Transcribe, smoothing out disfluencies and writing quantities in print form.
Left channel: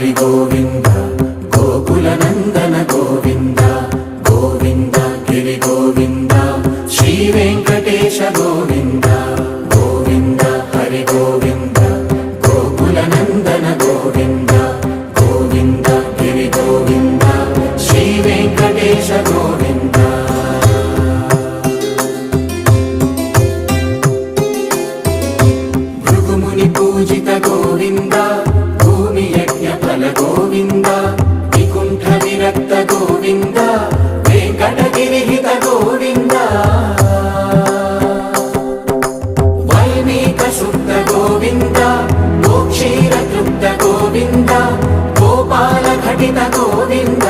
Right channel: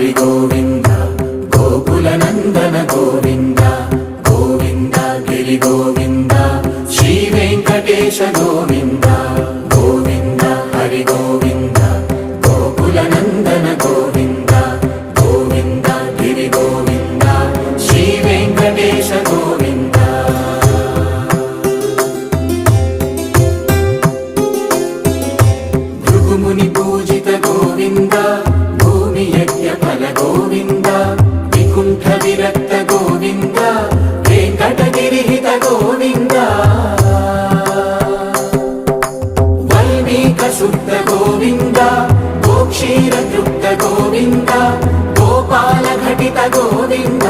హరి గోవింద గోకుల నందన గోవింద గోవింద గిరి గోవింద శ్రీ వెంకటేశ గోవింద గోవింద హరి గోవింద గోకుల నందన గోవింద గోవింద గిరి గోవింద శ్రీ వెంకటేశ గోవింద భృగుముని పూజిత గోవింద భూమి యజ్ఞ ఫల గోవింద వికుంఠ విరక్త గోవింద వెంకటగిరిహిత గోవింద వల్మీక శుద్ధ గోవింద గోక్షీర తృప్త గోవింద గోపాల ఘటిత గోవింద